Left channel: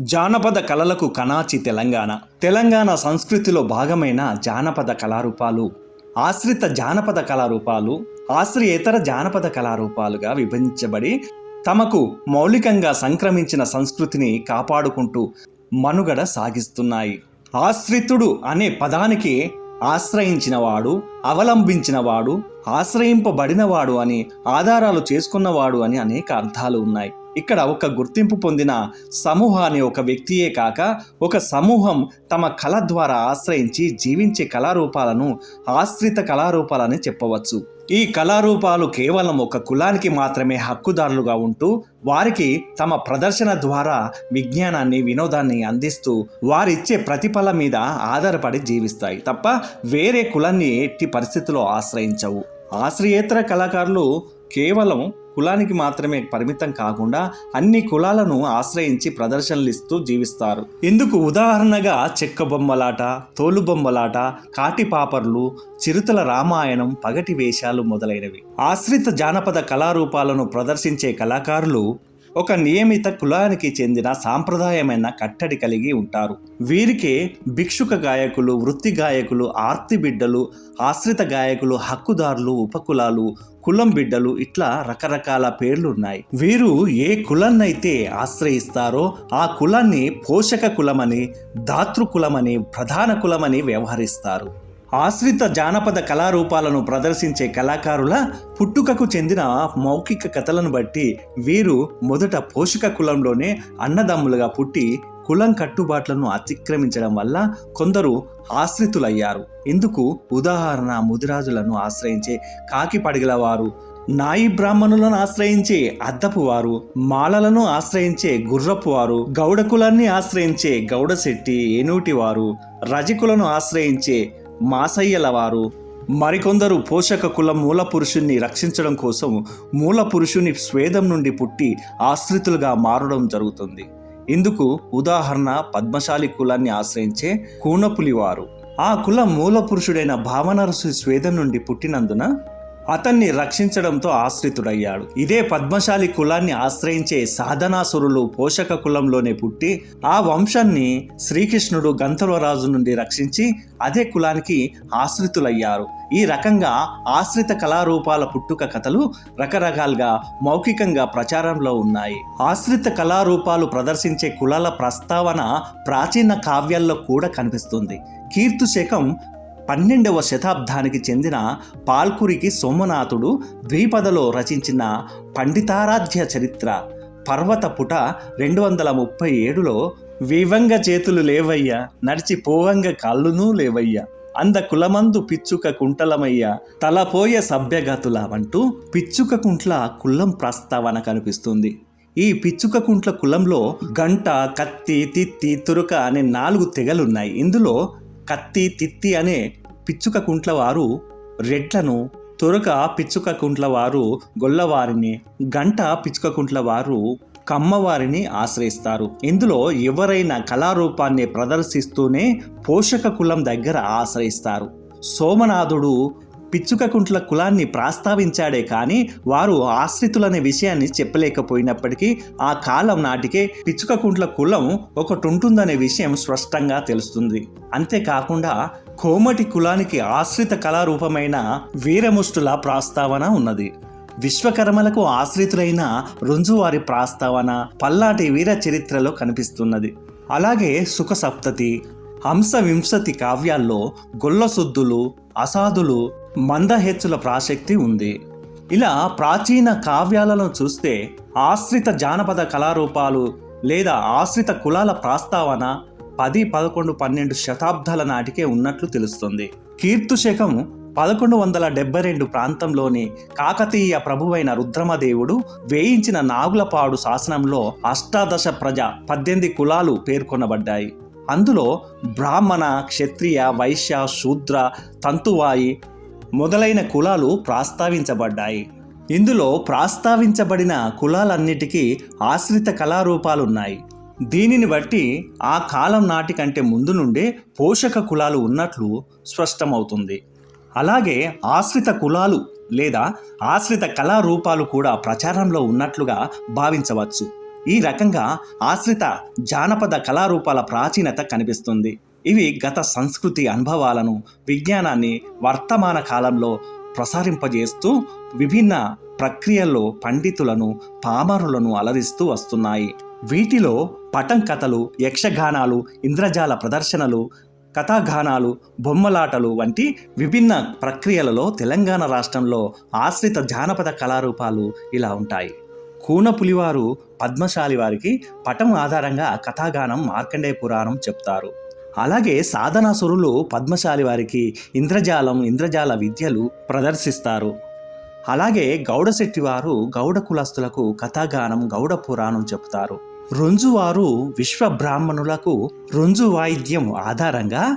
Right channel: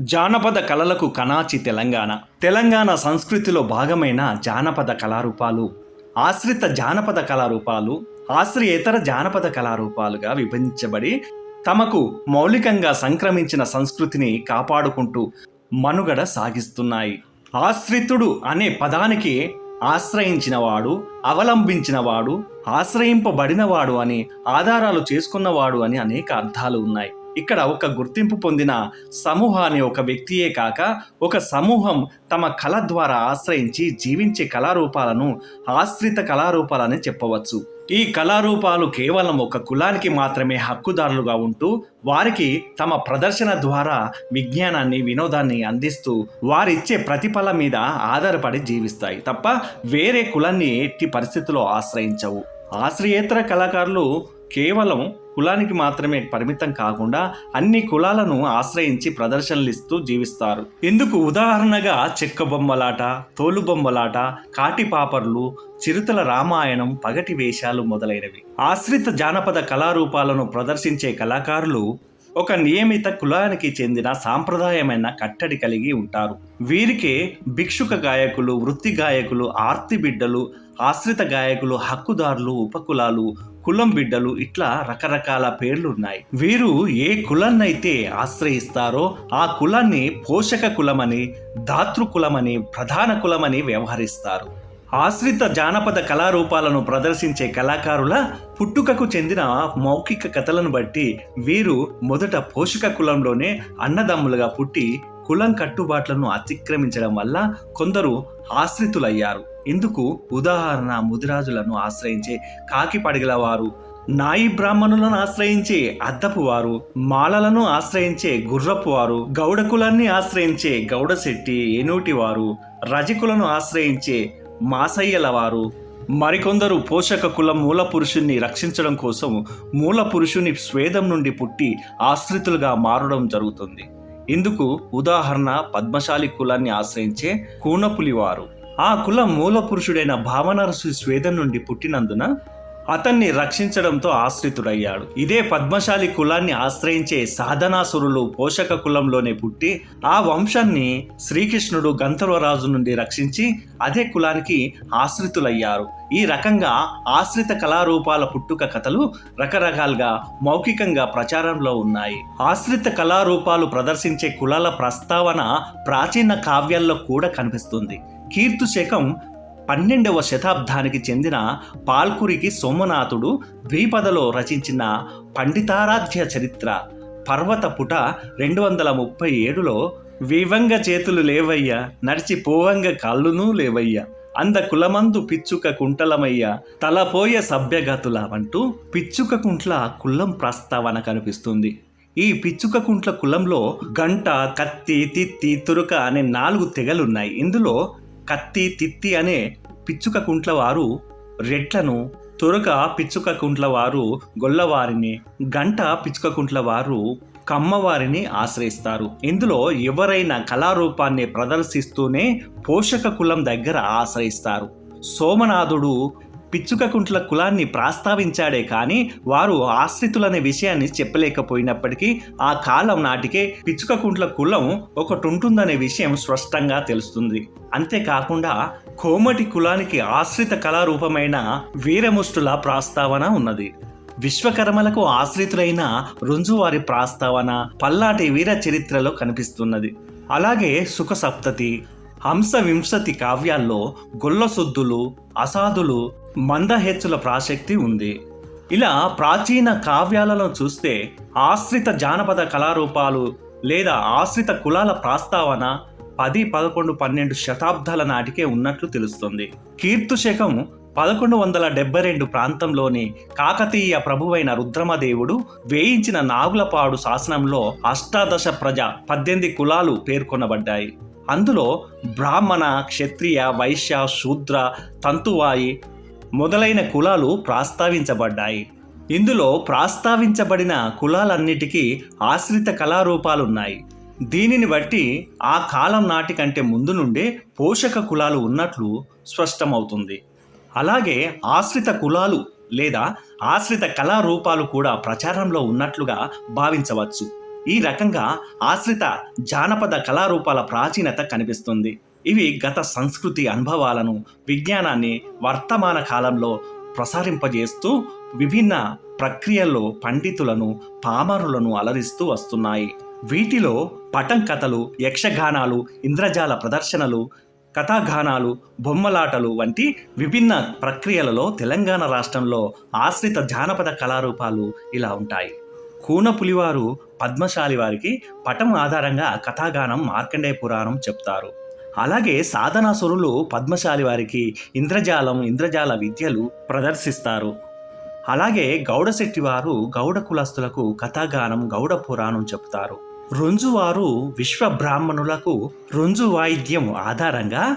జానపద కళలకు కనాచి తెలంగాణ. తెలంగాణ సంస్కృతిలో భాగమైన జానపద కళారూపాలు ఆశ్రిత జానపద కళారూపాలు ఆశ్రయేతర జానపద కళారూపాలుగా విభజించబడి తమకు మౌలికంగా సంక్రమించిన సంస్కృతిని కాపాడుకుంటూ మనుగడ సాగిస్తున్నాయి. ఆశ్రితుడు అనే పదానికి ఆశ్రయించినవాడు అవలంబించినవాడు ఆశ్రయింపబడినవాడు అని ఆధారాలు చేసుకున్నవాడు అని అనేక అర్థాలు ఉన్నాయి. ఇక్కడ ఒక గుర్తింపు పొందిన సమూహాన్ని ఒక వ్యక్తియే కాక ఒక సమూహం తమ కళ ద్వారా ఆశ్రయించి జీవించే కళారూపాలను ఆశ్రిత కళారూపాలని చెప్పవచ్చు. ఈ కళారూపాలు కేవలం ఒక కులానికి మాత్రమే హక్కుదారులుగా ఉంటూ వారికి తమ ప్రదర్శన ద్వారా విజ్ఞానాన్ని వినోదాన్ని అందిస్తూ వారిచ్చే ప్రతిఫలం మీద ఆధారపడి జీవిస్తాయి తప్ప వేరే కులాన్ని ఎట్టి పరిస్థితుల్లో ఆశ్రయించవు. ఆశ్రయేతర కళాకారులు కేవలం కులానికి మాత్రమే పరిమితం కాకుండా అన్ని కులాలను ఆశ్రయించి ప్రదర్శనలు ఇస్తూ జీవిస్తారు. ఇందుకు ఉదాహరణగా చెక్క బొమ్మలాట తోలు బొమ్మలాట కాటిపాపర్లు చిరుతల రామాయణం పగటి వేషాలు మొదలైనవి. ఆశ్రిత జానపద కళారూపాలను ప్రదర్శించే కళాకారులు ఒక నియమిత కులానికి చెందిన సాంప్రదాయమైన కట్టడి కలిగి ఉంటారు. వీరికే భిక్షుక గాయకులు వృత్తి గాయకులు ఆర్తి బిడ్డలు ఆశ్రిత గాయకులు హక్కుదారులు ఉపకులాలు కులం బిడ్డలు ఇట్లా రకరకాల పేర్లు ఉన్నాయి వీరు ఏ కులాన్నైతే ఆశ్రయిస్తారో ఆ కులాన్ని పోషక కులమని దాతృకులమని ప్రధాన కులమని వ్యవహరిస్తారు. ఆశ్రిత జానపద కళారూపాలను ప్రదర్శించే కళాకారుల పుట్టుకకు చెందిన మౌఖిక కథలను బట్టి వీరు మొదట పోషక కులంలోనే అన్నదమ్ములుగా పుట్టి కులం కట్టుబాట్లను అతిక్రమించడం వల్ల కొందరు ఆశ్రితులయ్యారు. ఇందుకు ఉదాహరణ ముదిరాజులను ఆశ్రయించే కాకి పడిగల వారు నాయి బ్రాహ్మణులను ఆశ్రయించే అద్దపు వారు మాలలను ఆశ్రయించే గుర్రపు వారు గౌడ కులాన్ని ఆశ్రయించే గౌడశెట్టి ఏనూటి వారు రజకులను ఆశ్రయించే మాసయ్యల వారు. మరికొందరు పోషక కులం మూల పురుషుణ్ణి రక్షించడం కోసం మూల పురుషుని స్వేదం నుండి పుట్టి ఆశ్రితులుగా మారడం జరుగుతుంది. ఇందుకు ఉదాహరణ పద్మశాలి కులాన్ని ఆశ్రయించే కూనపులివారు ఆ కులం మూల పురుషుడైన భావనరసు స్వేదం నుండి పుట్టినందున అతన్ని రక్షించడంతో ఆశ్రితుడయ్యాడు. ఇదే పద్మశాలి కులాన్ని ఆశ్రయించే సాధనాసురులు పోషక కులంలోనే పుట్టి ఆ వంశాన్ని శ్రీకృష్ణుడు గంధర్వరాజు నుండి రక్షించి అదే కులానికి ఆశ్రితులయ్యారు. ఈ రకంగా ఆశ్రిత కళారూపాల పుట్టుక కథలు రకరకాలుగా మౌఖికంగా ప్రచారంలో ఉన్నాయి. ఆశ్రిత కళారూపాలు ప్రదర్శించే కులాల ప్రస్తావన ప్రాచీన కావ్యాల్లో కూడా కనిపిస్తుంది. కీర్తు శకం పన్నెండవ శతాబ్దానికి చెందిన పాల్కురికి సోమనాథుడు ద్విపదలో రచించిన పండితారాధ్య చరిత్ర. పర్వత పుట రెండు వందల ముప్పై ఏడులో వివంగ చేతులు లేవయ్యా నడిచి పోవంగ కాళ్ళునూ లేవయ్యా అంద కులమందు పిచ్చుక కుంటలమయ్య తలపోయ సభ్యగతుల అంటూ పిచ్చుక కుంట్ల కులం ప్రస్తావన కనిపిస్తుంది. ఈ పిచ్చుక కుంట్ల కులంలో గంట కత్తి తిత్తి తురుక అనే నాలుగు తెగలున్నాయి. ఇందులో కత్తి తిత్తి అనే పిచ్చుక కుంట్ల వారు రెట్లను తొరక పిచ్చుక కుంట్ల వారు గొల్లవారిని గంట పిచ్చుక కుంట్ల వారు కమ్మవారిని ఆశ్రయిస్తారు. ఇందులో ఎవరైనా కళారూపాన్ని ప్రదర్శిస్తూనే పోషక కులం దగ్గర ఆశ్రయిస్తారు. సోమనాథుడు పిచ్చుకకుంట్ల కులాన్ని ప్రస్తావించాడే కానీ వారు ఆశ్రితులనే విషయాన్ని చెప్పలేకపోయినప్పటికీ ఆ కాలం నాటికే పిచ్చుకకుంట్ల కులం ఒకటి ఉంటుందనే విషయం స్పష్టంగా తెలుస్తుంది. అంతేకాకుండా కోమటి కులానికి ఆశ్రిత కళారూపమైన వీరముష్టుల ప్రస్తావన ఉన్నది. విశ్వకర్మలకు ఆశ్రితులైన రుంజువారి ప్రస్తావన పల్లాటి వీర చరిత్రలో కనిపిస్తున్నది. అలాగే సుఖ సప్తతి హంస వింశతి కావ్యాల్లో గొల్లసుద్దులు అసాధులు మందహెచ్చుల ప్రాసక్తి ఉంది. ఇలా ప్రాచీన కావ్యాలను చూస్తే ఆశ్రిత జానపద కళారూపాలు లేదా ఆశ్రిత కులాల ప్రస్తావన పది పదకొండు పన్నెండు శతాబ్దాల నాటికే ఉన్నట్లు తెలుస్తుంది. కీర్తు శకం పదకొండు వందల డెబ్బై రెండు ప్రాంతంలోని కాకతీయ ప్రభువైన రుద్రమదేవుడు వేయించిన నాగులపాడు శాసనంలో అష్టాదశ ప్రజ పద్దెనిమిది కులాలు పేర్కొనబడ్డాయి. అందులో బ్రాహ్మణ క్షత్రియ వైశ్య శూద్ర తంతువాయి మొదలైన కులాలు ప్రస్తావించబడ్డాయి. ఇందులో ప్రస్తావించబడిన కులాలన్నిటికీ ఆశ్రిత కళారూపాలున్నాయి. దీనిని బట్టి ఆ కాలం నాటి కంటే ముందు నుండే పోషక కులాలు ఉన్నట్లు స్పష్టమవుతుంది. అలాగే ఆశ్రిత కులాలు లేదా ఆశ్రిత కళారూపాలు కూడా ప్రచారంలో ఉన్నట్లుగా భావించవచ్చు. ఈ రకంగా ఆశ్రిత జానపద కళారూపాల ప్రాచీనత కనిపిస్తుంది. ఇవి గత సంస్కృతి అనుభవాలను విజ్ఞానాన్ని వర్తమాన కాలంలో ప్రసారింపజేస్తూ విభిన్న ప్రక్రియల్లో పండితులను పామరులను అలరిస్తూ వస్తున్నాయి. వీటిలో పటం కథలు యక్షగానాలు ఇంద్రజాల ప్రదర్శనలు కథాగానాలు బొమ్మలాటలు వంటి విభిన్న ప్రక్రియలలో తెలంగాణ రాష్ట్రంలో ఆశ్రిత జానపద కళారూపాలు ఇలా ఉంటాయి. కూన పులివారు పద్మశాలి వారికి పటం ఆధారంగా కథాగానం మార్కండేయ పురాణం చెప్తారు. అలాగే సాధనాసురులు పద్మశాలి వారికి ఇంద్రజాలం ఇంద్రజాల విద్యలు ప్రదర్శిస్తారు. అలాగే గౌడశెట్టి వారు గౌడ కులస్తులకు కథాగానం గౌడ పురాణం చెప్తారు. రుంజువారు విశ్వ బ్రాహ్మణులకు రుంజు వాయిద్యం ఆధారంగా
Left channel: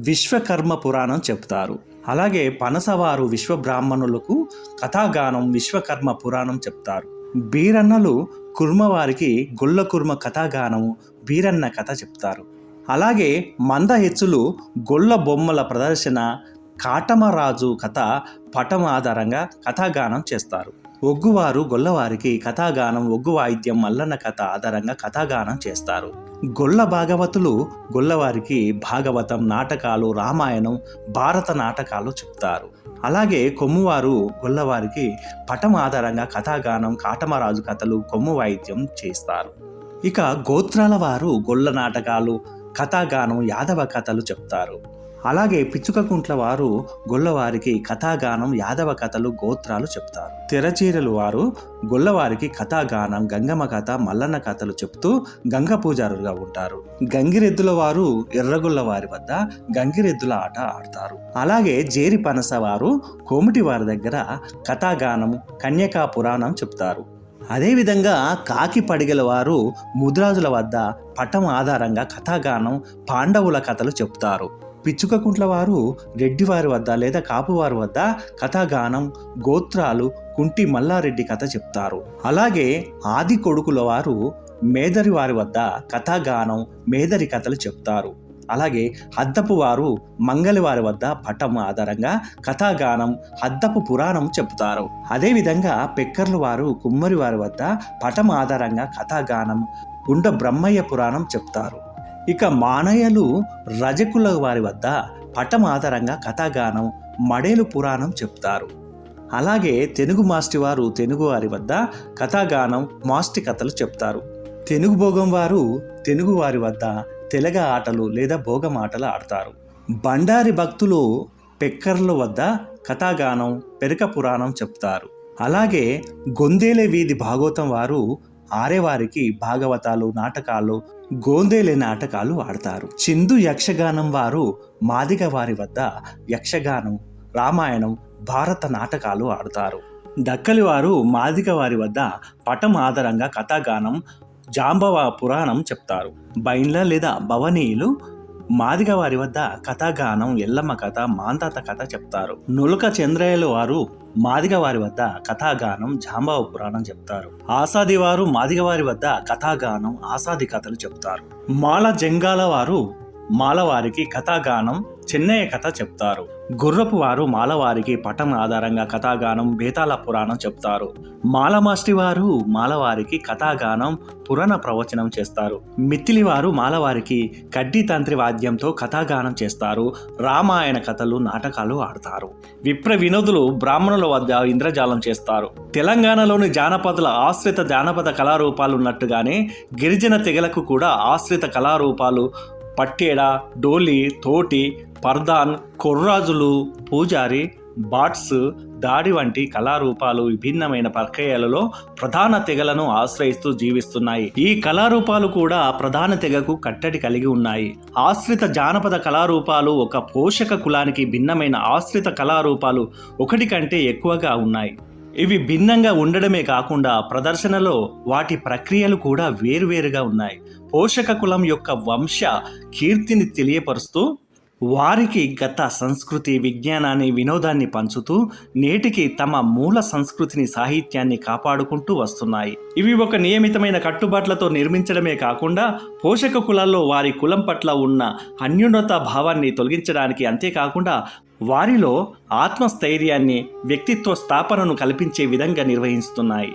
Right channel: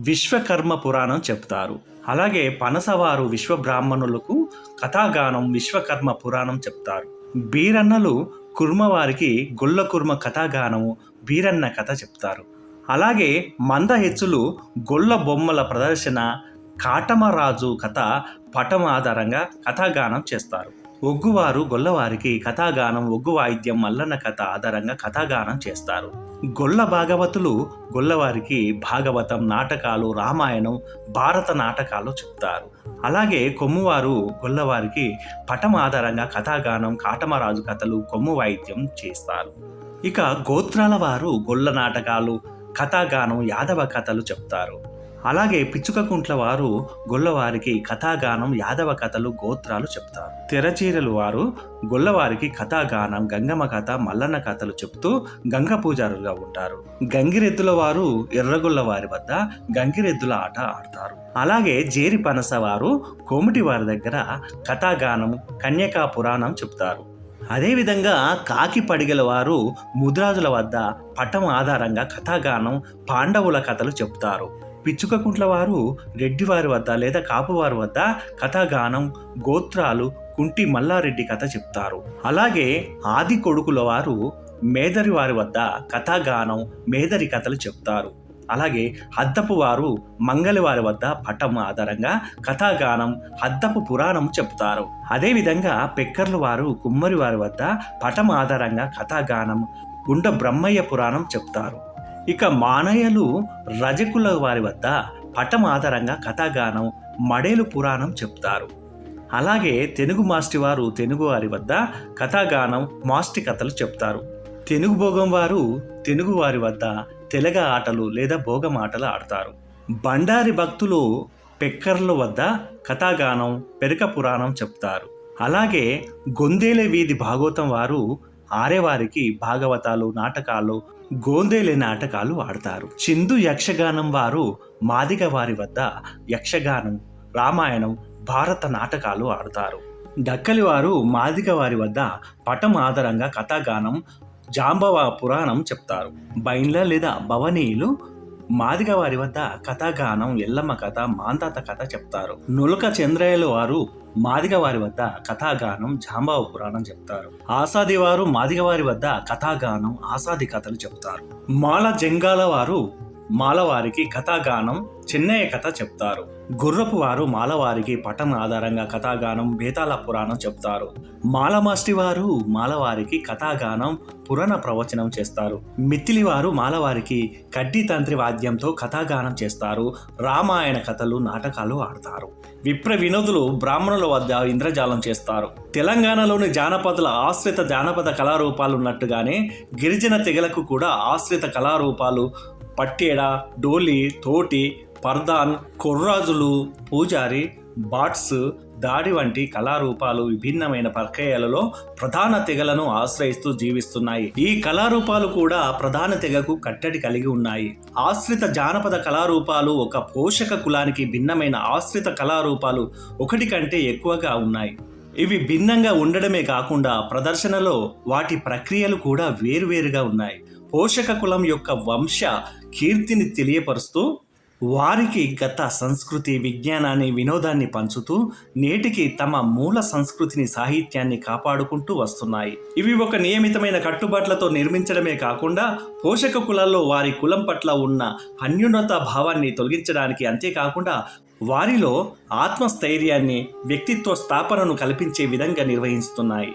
విశ్వకర్మ పురాణం చెప్తారు. అలాగే పనసవారు విశ్వ బ్రాహ్మణులకు కథాగానం విశ్వకర్మ పురాణం చెప్తారు. బీరన్నలు కుర్మవారికి గుళ్ళ కుర్మ కథాగానము బీరన్న కథ చెప్తారు. అలాగే మందహెచ్చులు గొల్ల బొమ్మల ప్రదర్శన కాటమరాజు కథ పటం ఆధారంగా కథాగానం చేస్తారు. ఒగ్గువారు గొల్లవారికి కథాగానం ఒగ్గు వాయిద్యం మల్లన్న కథ ఆధారంగా కథాగానం చేస్తారు. గొల్ల భాగవతులు గొల్లవారికి భాగవతం నాటకాలు రామాయణం భారత నాటకాలు చెప్తారు. అలాగే కొమ్మువారు గొల్లవారికి పటం ఆధారంగా కథాగానం కాటమరాజు కథలు కొమ్ము వాయిద్యం చేస్తారు. ఇక గోత్రాల వారు గొల్ల నాటకాలు కథాగానం యాదవ కథలు చెప్తారు. అలాగే పిచ్చుకకుంట్ల వారు గొల్లవారికి కథాగానం యాదవ కథలు గోత్రాలు చెప్తారు. తెరచీరలు వారు గొల్లవారికి కథాగానం గంగమ్మ కథ మల్లన్న కథలు చెప్తూ గంగ పూజారులుగా ఉంటారు. గంగిరెద్దుల వారు ఎర్రగొల్ల వారి వద్ద గంగిరెద్దుల ఆట ఆడతారు. అలాగే జేరి పనస వారు కోమిటి వారి దగ్గర కథాగానం కన్యకా పురాణం చెప్తారు. అదేవిధంగా కాకి పడిగల వారు ముద్రాజుల వద్ద పటం ఆధారంగా కథాగానం పాండవుల కథలు చెప్తారు. పిచ్చుకకుంట్ల వారు రెడ్డివారి వద్ద లేదా కాపువారి వద్ద కథాగానం గోత్రాలు కుంటి మల్లారెడ్డి కథ చెప్తారు. అలాగే ఆది కొడుకుల వారు మేదరి వారి వద్ద కథాగానం మేదరి కథలు చెప్తారు. అలాగే హద్దపు వారు మంగలి వారి వద్ద పటం ఆధారంగా కథాగానం హద్దపు పురాణం చెప్తారు అదేవిధంగా పెక్కర్లు వారు కుమ్మరి వారి వద్ద పటం ఆధారంగా కథాగానం గుండ బ్రహ్మయ్య పురాణం చెప్తారు ఇక మానయ్యలు రజకుల వారి వద్ద పటం ఆధారంగా కథాగానం మడేలు పురాణం చెప్తారు అలాగే తెలుగు మాస్టి వారు తెలుగు వారి వద్ద కథాగానం మాస్టి కథలు చెప్తారు తెలుగు భోగం వారు తెలుగు వారి వద్ద తెలగ ఆటలు లేదా భోగం ఆటలు ఆడతారు. బండారి భక్తులు పెక్కర్ల వద్ద కథాగానం పెరక పురాణం చెప్తారు. అలాగే గొందేలే వీధి భాగవతం వారు ఆరేవారికి భాగవతాలు నాటకాలు గోందేలే నాటకాలు ఆడతారు. చిందు యక్షగానం వారు మాదిగ వారి వద్ద యక్షగానం రామాయణం భారత నాటకాలు ఆడతారు. దక్కలి వారు మాదిగ వారి వద్ద పటం ఆధారంగా కథాగానం జాంబవ పురాణం చెప్తారు. బైన్ల లేదా భవనీయులు మాదిగ వారి వద్ద కథాగానం ఎల్లమ్మ కథ మాంతాత కథ చెప్తారు. నులక చంద్రయ్యలు వారు మాదిగ వారి వద్ద కథాగానం జాంబవ పురాణం చెప్తారు. ఆసాది వారు మాదిగ వారి వద్ద కథాగానం ఆసాది కథలు చెప్తారు. మాల జంగాల వారు మాలవారికి కథాగానం చెన్నయ్య కథ చెప్తారు. గుర్రపు వారు మాలవారికి పటం ఆధారంగా కథాగానం బేతాళ పురాణం చెప్తారు. మాలమాస్టి వారు మాలవారికి కథాగానం పురాణ ప్రవచనం చేస్తారు. మిత్తిలి వారు మాలవారికి కడ్డీ తంత్రి వాద్యంతో కథాగానం చేస్తారు. రామాయణ కథలు నాటకాలు ఆడతారు. విప్ర వినోదులు బ్రాహ్మణుల వద్ద ఇంద్రజాలం చేస్తారు. తెలంగాణలోని జానపదుల ఆశ్రిత జానపద కళారూపాలు ఉన్నట్టుగానే గిరిజన తెగలకు కూడా ఆశ్రిత కళారూపాలు పట్టేడ డోలి తోటి పర్దాన్ కొర్రాజులు పూజారి బాట్స్ దాడి వంటి కళారూపాలు విభిన్నమైన ప్రక్రియలలో ప్రధాన తెగలను ఆశ్రయిస్తూ జీవిస్తున్నాయి. ఈ కళారూపాలు కూడా ప్రధాన తెగకు కట్టడి కలిగి ఉన్నాయి. ఆశ్రిత జానపద కళారూపాలు ఒక పోషక కులానికి భిన్నమైన ఆశ్రిత కళారూపాలు ఒకటి కంటే ఎక్కువగా ఉన్నాయి. ఇవి భిన్నంగా ఉండడమే కాకుండా ప్రదర్శనలో వాటి ప్రక్రియలు కూడా వేరువేరుగా ఉన్నాయి. పోషక కులం యొక్క వంశ కీర్తిని తెలియపరుస్తూ వారికి గత సంస్కృతి విజ్ఞానాన్ని వినోదాన్ని పంచుతూ నేటికి తమ మూల సంస్కృతిని సాహిత్యాన్ని కాపాడుకుంటూ వస్తున్నాయి. ఇవి ఒక నియమితమైన కట్టుబాట్లతో నిర్మించడమే కాకుండా పోషక కులాల్లో వారి కులం పట్ల ఉన్న అన్యున్నత భావాన్ని తొలగించడానికి అంతేకాకుండా వారిలో ఆత్మస్థైర్యాన్ని వ్యక్తిత్వ స్థాపనను కల్పించే విధంగా నిర్వహిస్తున్నాయి.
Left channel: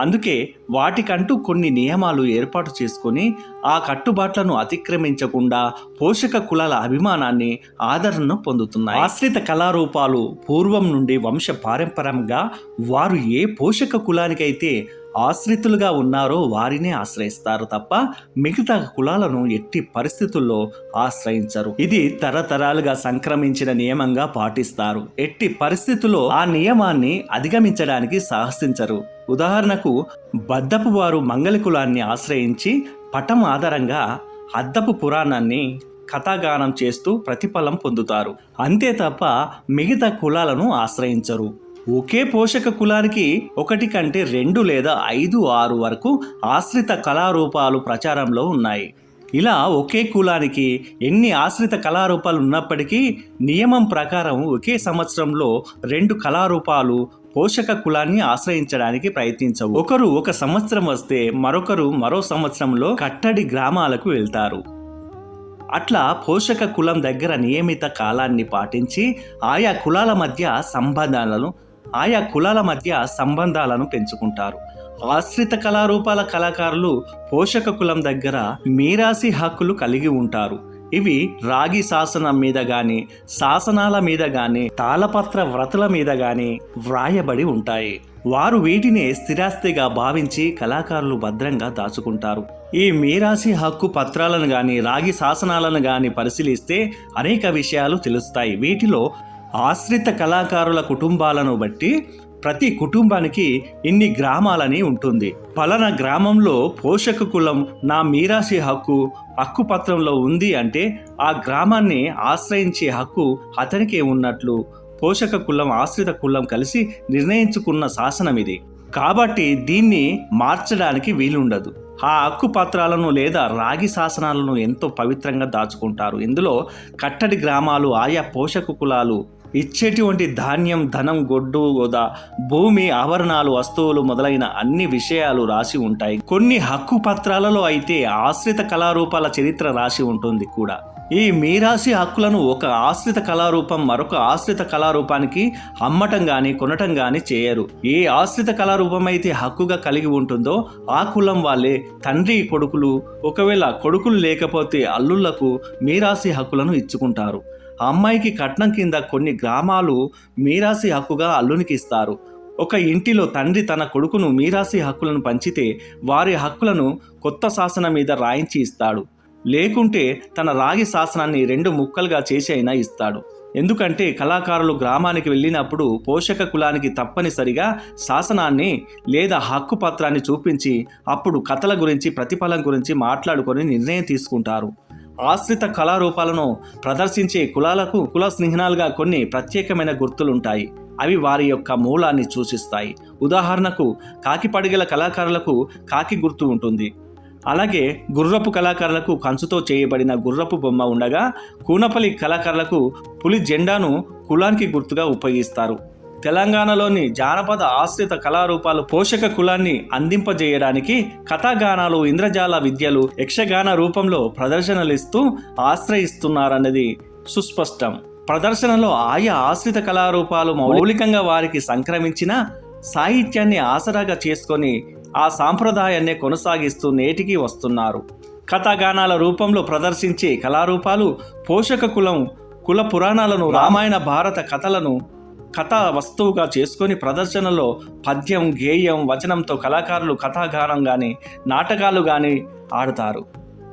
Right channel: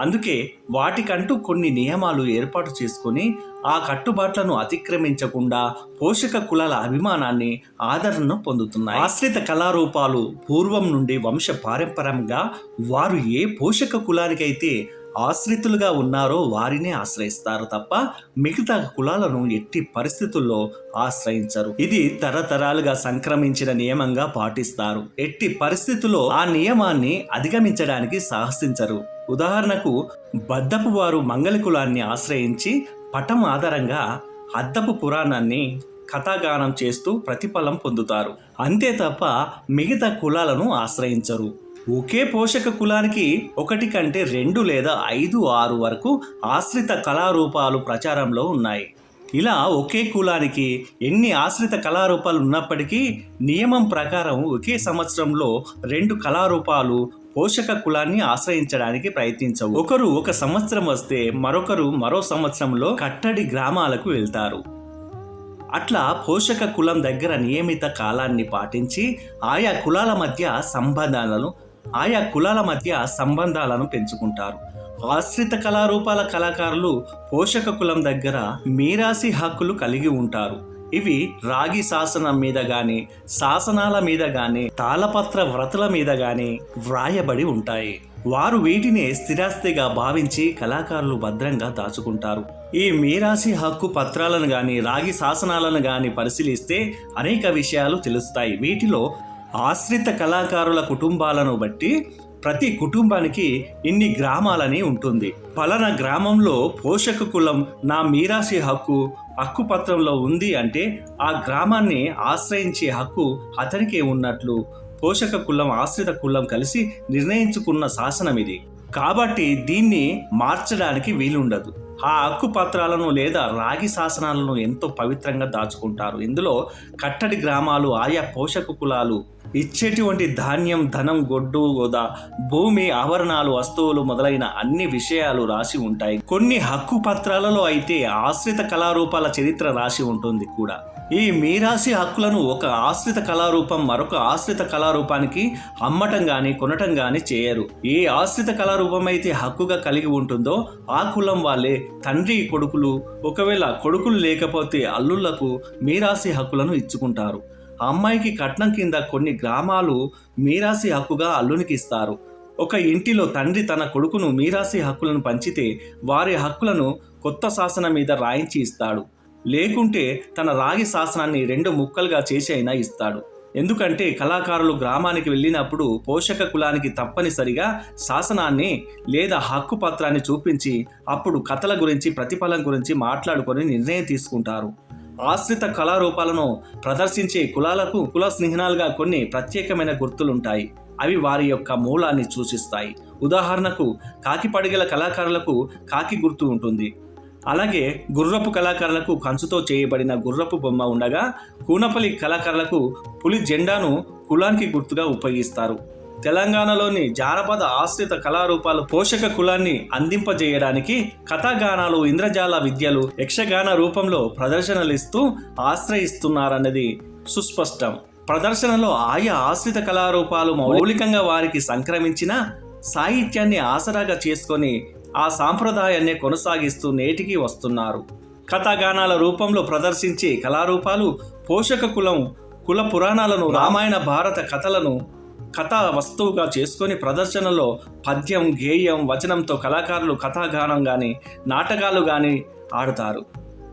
అందుకే వాటికంటూ కొన్ని నియమాలు ఏర్పాటు చేసుకొని ఆ కట్టుబాట్లను అతిక్రమించకుండా పోషక కులాల అభిమానాన్ని ఆదరణను పొందుతున్నాయి. ఆశ్రిత కళారూపాలు పూర్వం నుండి వంశ పారంపరంగా వారు ఏ పోషక కులానికైతే ఆశ్రితులుగా ఉన్నారో వారినే ఆశ్రయిస్తారు తప్ప మిగతా కులాలను ఎట్టి పరిస్థితుల్లో ఆశ్రయించరు. ఇది తరతరాలుగా సంక్రమించిన నియమంగా పాటిస్తారు. ఎట్టి పరిస్థితుల్లో ఆ నియమాన్ని అధిగమించడానికి సాహసించరు. ఉదాహరణకు బద్దపు వారు మంగళ కులాన్ని ఆశ్రయించి పటం ఆధారంగా అద్దపు పురాణాన్ని కథాగానం చేస్తూ ప్రతిఫలం పొందుతారు. అంతే తప్ప మిగతా కులాలను ఆశ్రయించరు. ఒకే పోషక కులానికి ఒకటి కంటే రెండు లేదా ఐదు ఆరు వరకు ఆశ్రిత కళారూపాలు ప్రచారంలో ఉన్నాయి. ఇలా ఒకే కులానికి ఎన్ని ఆశ్రిత కళారూపాలు ఉన్నప్పటికీ నియమం ప్రకారం ఒకే సంవత్సరంలో రెండు కళారూపాలు పోషక కులాన్ని ఆశ్రయించడానికి ప్రయత్నించవు. ఒకరు ఒక సంవత్సరం వస్తే మరొకరు మరో సంవత్సరంలో కట్టడి గ్రామాలకు వెళ్తారు. అట్లా పోషక కులం దగ్గర నియమిత కాలాన్ని పాటించి ఆయా కులాల మధ్య సంబంధాలను ఆయా కులాల మధ్య సంబంధాలను పెంచుకుంటారు. ఆశ్రిత కళారూపాల కళాకారులు పోషక కులం దగ్గర మీరాసి హక్కులు కలిగి ఉంటారు. ఇవి రాగి శాసనం మీద గాని శాసనాల మీద గాని తాళపత్ర వ్రతుల మీద గాని వ్రాయబడి ఉంటాయి. వారు వీటిని స్థిరాస్తిగా భావించి కళాకారులు భద్రంగా దాచుకుంటారు. ఈ మీరాసి హక్కు పత్రాలను గాని రాగి శాసనాలను గాని పరిశీలిస్తే అనేక విషయాలు తెలుస్తాయి. వీటిలో ఆశ్రిత కళాకారుల కుటుంబాలను బట్టి ప్రతి కుటుంబానికి ఇన్ని గ్రామాలని ఉంటుంది. పలానా గ్రామంలో పోషక కులం నా మీరాసి హక్కు హక్కుపత్రంలో ఉంది అంటే ఆ గ్రామాన్ని ఆశ్రయించే హక్కు అతనికే ఉన్నట్లు పోషక కులం ఆశ్రిత కులం కలిసి నిర్ణయించుకున్న శాసనం ఇది కాబట్టి దీన్ని మార్చడానికి వీలుండదు. ఆ హక్కు పత్రాలను లేదా రాగి శాసనాలను ఎంతో పవిత్రంగా దాచుకుంటారు. ఇందులో కట్టడి గ్రామాలు ఆయా పోషక కులాలు ఇచ్చేటువంటి ధాన్యం ధనం గొడ్డు గోదా భూమి ఆభరణాలు వస్తువులు మొదలైన అన్ని విషయాలు రాసి ఉంటాయి. కొన్ని హక్కు పత్రాలలో అయితే ఆశ్రిత కళారూపాల చరిత్ర రాసి ఉంటుంది కూడా. ఈ మీరాసి హక్కులను ఒక ఆశ్రిత కళారూపం మరొక ఆశ్రిత కళారూపానికి అమ్మటం గాని కొనటం గాని చేయరు. ఏ ఆశ్రిత కళారూపం అయితే హక్కుగా కలిగి ఉంటుందో ఆ కులం వాళ్ళే తండ్రి కొడుకులు. ఒకవేళ కొడుకులు లేకపోతే అల్లుళ్ళకు మీరాసి హక్కులను ఇచ్చుకుంటారు. అమ్మాయికి కట్నం కింద కొన్ని గ్రామాలు మీరాసి హక్కుగా అల్లునికి ఇస్తారు. ఒక ఇంటిలో తండ్రి తన కొడుకును మీరాసి హక్కులను పంచితే వారి హక్కులను కొత్త శాసనం మీద రాయించి ఇస్తాడు. లేకుంటే తన రాగి శాసనాన్ని రెండు ముక్కలుగా చేసి అయినా ఇస్తాడు. ఎందుకంటే కళాకారులు గ్రామానికి వెళ్ళినప్పుడు పోషక కులానికి తప్పనిసరిగా శాసనాన్ని లేదా హక్కు పత్రాన్ని చూపించి అప్పుడు కథల గురించి ప్రతిఫలం గురించి మాట్లాడుకొని నిర్ణయం తీసుకుంటారు. ఆశ్రిత కళారూపాలను ప్రదర్శించే కులాలకు కుల స్నేహనాలుగా కొన్ని ప్రత్యేకమైన గుర్తులుంటాయి. అవి వారి యొక్క మూలాన్ని సూచిస్తాయి. ఉదాహరణకు కాకి పడిగల కళాకారులకు కాకి గుర్తు ఉంటుంది. అలాగే గుర్రపు కళాకారులకు కంచుతో చేయబడిన గుర్రపు బొమ్మ ఉండగా కూనపల్లి కళాకారులకు పులి జెండాను కులానికి గుర్తుగా ఉపయోగిస్తారు. తెలంగాణలోని జానపద ఆశ్రిత కళారూపాలు పోషక కులాన్ని అందింపజేయడానికి కథాగానాలు ఇంద్రజాల విద్యలు యక్షగాన రూపంలో ప్రదర్శనలు ఇస్తూ ఆశ్రయిస్తున్నారన్నది సుస్పష్టం. ప్రదర్శనలో ఆయా ఆశ్రిత కళారూపాలు మౌలికంగా వారికి సంక్రమించిన సాహిత్యాన్ని ఆసరాగా చేసుకొని ఆ సాంప్రదాయాన్ని కొనసాగిస్తూ నేటికి వస్తున్నారు. కథాగానాల రూపంలో ప్రదర్శించే కళారూపాలు పోషక కులం కుల పురాణాలను రామాయణ భారత కథలను కథా వస్తువుగా చేసుకొని ప్రదర్శనలో పద్యం గేయం వచనంతో కళాకారులు కథాగానం కానీ నాటకాలు కానీ ఆడుతారు.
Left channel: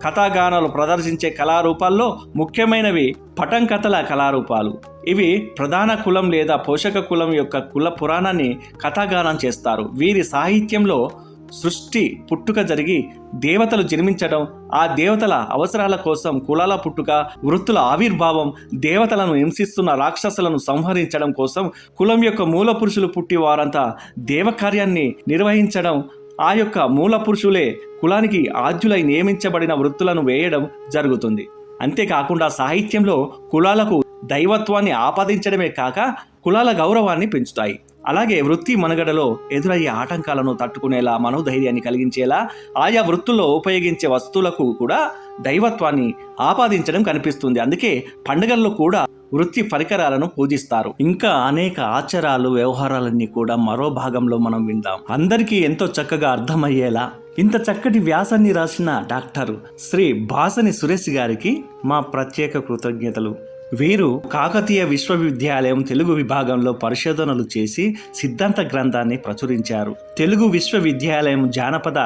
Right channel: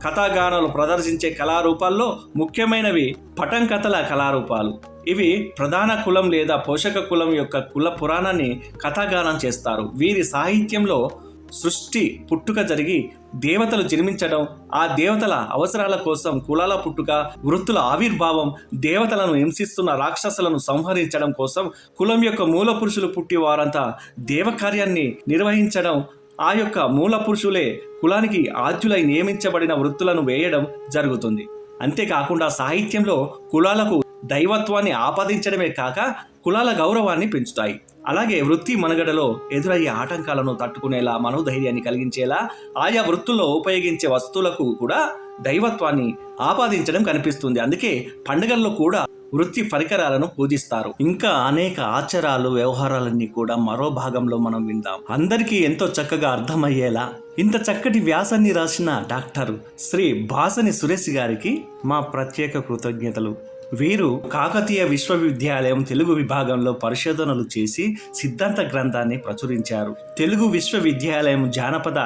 కథాగానాలు ప్రదర్శించే కళారూపాల్లో ముఖ్యమైనవి పటం కథల కళారూపాలు. ఇవి ప్రధాన కులం లేదా పోషక కులం యొక్క కుల పురాణాన్ని కథాగానం చేస్తారు. వీరి సాహిత్యంలో సృష్టి పుట్టుక జరిగి దేవతలు జన్మించడం ఆ దేవతల అవసరాల కోసం కులాల పుట్టుక వృత్తుల ఆవిర్భావం దేవతలను హింసిస్తున్న రాక్షసులను సంహరించడం కోసం కులం యొక్క మూల పురుషులు పుట్టి వారంతా దేవకార్యాన్ని నిర్వహించడం ఆ యొక్క మూల పురుషులే కులానికి ఆద్యులై నియమించబడిన వృత్తులను వేయడం జరుగుతుంది. అంతేకాకుండా సాహిత్యంలో కులాలకు దైవత్వాన్ని ఆపాదించడమే కాక కులాల గౌరవాన్ని పెంచుతాయి. అలాగే వృత్తి మనుగడలో ఎదురయ్యే ఆటంకాలను తట్టుకునేలా మనోధైర్యాన్ని కలిగించేలా ఆయా వృత్తుల్లో ఉపయోగించే వస్తువులకు కూడా దైవత్వాన్ని ఆపాదించడం కనిపిస్తుంది. అందుకే పండుగల్లో కూడా వృత్తి పరికరాలను పూజిస్తారు. ఇంకా అనేక ఆచారాలు వ్యవహారాలన్నీ కూడా మరో భాగంలో మనం విందాం. అందరికీ ఎంతో చక్కగా అర్థమయ్యేలా ఇంత చక్కటి వ్యాసాన్ని రాసిన డాక్టర్ శ్రీ భాసని సురేష్ గారికి మా ప్రత్యేక కృతజ్ఞతలు. వీరు కాకతీయ విశ్వవిద్యాలయం తెలుగు విభాగంలో పరిశోధనలు చేసి సిద్ధాంత గ్రంథాన్ని ప్రచురించారు. తెలుగు విశ్వవిద్యాలయం జానపద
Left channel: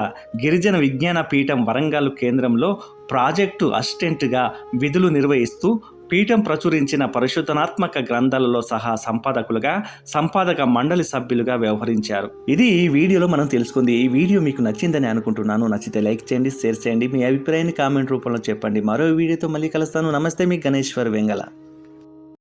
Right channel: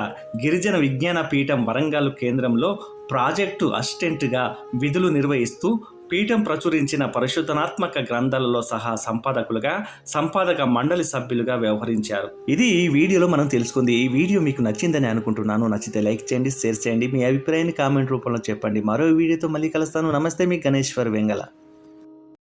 గిరిజన విజ్ఞాన పీఠం వరంగల్ కేంద్రంలో ప్రాజెక్టు అసిస్టెంట్గా విధులు నిర్వహిస్తూ పీఠం ప్రచురించిన పరిశోధనాత్మక గ్రంథాలలో సహా సంపాదకులుగా సంపాదక మండలి సభ్యులుగా వ్యవహరించారు. ఇది ఈ వీడియోలో మనం తెలుసుకుంది. ఈ వీడియో మీకు నచ్చిందని అనుకుంటున్నాను. నచ్చితే లైక్ చేయండి షేర్ చేయండి. మీ అభిప్రాయాన్ని కామెంట్ రూపంలో చెప్పండి. మరో వీడియోతో మళ్ళీ కలుస్తాను. నమస్తే మీ గణేశ్వర్ వెంగళ.